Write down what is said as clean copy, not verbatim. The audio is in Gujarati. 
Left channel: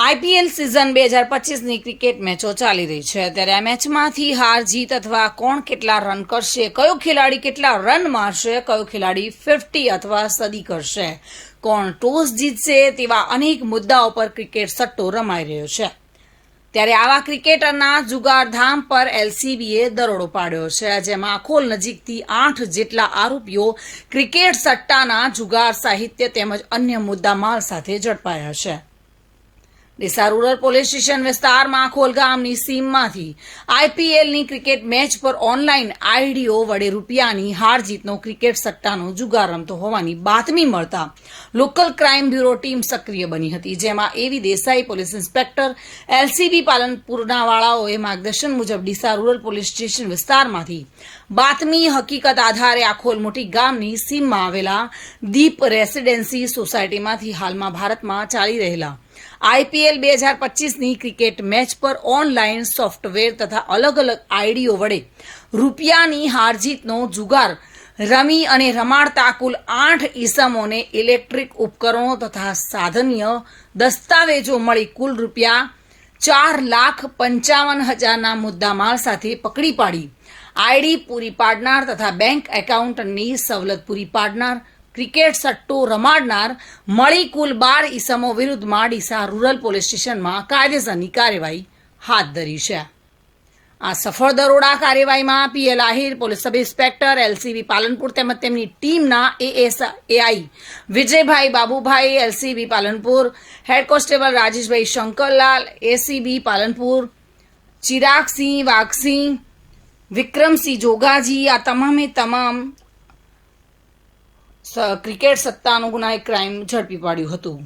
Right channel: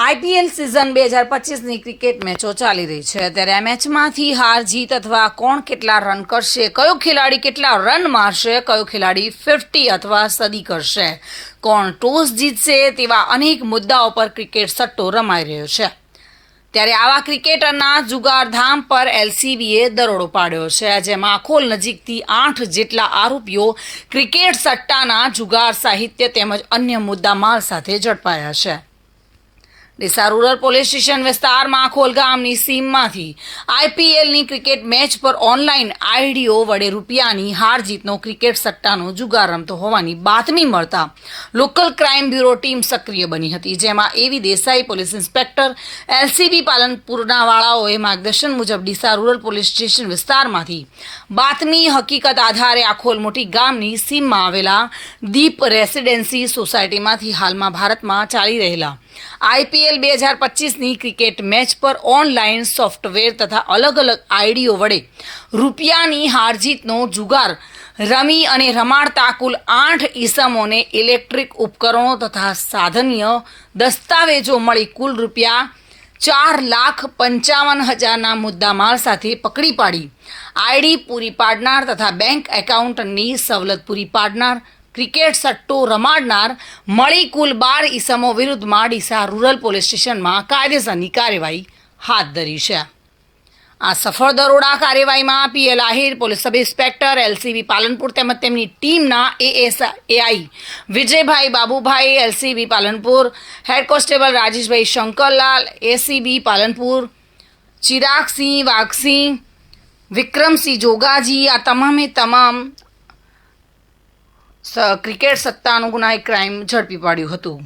આઈપીએલ સિઝન 2025ની ક્રિકેટ મેચો ચાલી રહી છે ત્યારે આ મેચમાંથી હાર જીત અથવા કોણ કેટલા રન કરશે, કયો ખેલાડી કેટલા રન મારશે, કયો ખેલાડી 50 અથવા સદી કરશે, કોણ ટોસ જીતશે તેવા અનેક મુદ્દાઓ પર ક્રિકેટ સટ્ટો રમાઈ રહ્યો છે। ત્યારે આવા ક્રિકેટરના જુગારધામ પર એલસીબીએ દરોડો પાડ્યો છે, જેમાં આખોલ નજીકથી 8 જેટલા આરોપીઓ ક્રિકેટ સટ્ટાના જુગાર સાહિત્ય તેમજ અન્ય મુદ્દામાલ સાથે ઝડપાયા છે। ડીસા રૂરલ પોલીસ સ્ટેશન વિસ્તારમાં આખોલ ગામની સીમમાંથી આઈપીએલની ક્રિકેટ મેચ પર ઓનલાઈન આઈડીઓ વડે રૂપિયાની હાર જીતનો ક્રિકેટ સટ્ટાનો જુગાર રમતો હોવાની બાતમી મળતા લોકલ ક્રાઇમ બ્યુરો ટીમ સક્રિય બની હતી, જેમાં એવી દેસાઈ, પોલીસ ઇન્સ્પેક્ટર, એલસીબી પાલનપુરના વાળાઓએ માર્ગદર્શન મુજબ ડીસા રૂરલ પોલીસ સ્ટેશન વિસ્તારમાંથી બાતમી હકીકત આધારે આખોલ મોટી ગામની સીમમાં આવેલા દીપ રેસિડેન્સી સોસાયટીમાંથી હાલમાં ભારતમાં ચાલી રહેલા આઈપીએલ 2025ની ક્રિકેટ મેચ પર ઓનલાઈન સોફ્ટવેર તથા અલગ અલગ આઈડીઓ વડે રૂપિયાની હારજીતનો જુગાર રમી અને રમાડતા કુલ 8 ઈસમોને ઇલેક્ટ્રિક ઉપકરણો તથા સાધનીય દસ્તાવેજો મળી કુલ રૂપિયા 4,55,000ના મુદ્દામાલ સાથે પકડી પાડી આઈડી પૂરી પાડનાર તથા બેંક એકાઉન્ટની સવલત પૂરી પાડનાર ક્રિકેટ સટ્ટો રમાડનાર મળી કુલ 12 ઈસમો વિરુદ્ધમાં ડીસા રૂરલ પોલીસ સ્ટેશનમાં કાયદેસરની કાર્યવાહી હાથ ધરી છે। આ સફળ દરોડા કાર્યવાહીમાં PL Ahir, police sub inspector, LCB Palanpur તેમજ તેમની ટીમના ASI Vijaybhai Babubhai, LCB Palanpur head constable Rajeshbhai Shankarlal, ACB Palanpur Chiragsinh Vaghsinh, Vikramsinh Jogaji આ તમામે તમામ ક્રિકેટ સટ્ટાનું ગુનાહિત ક્રાઇમ ઝડપી પાડ્યું હતું।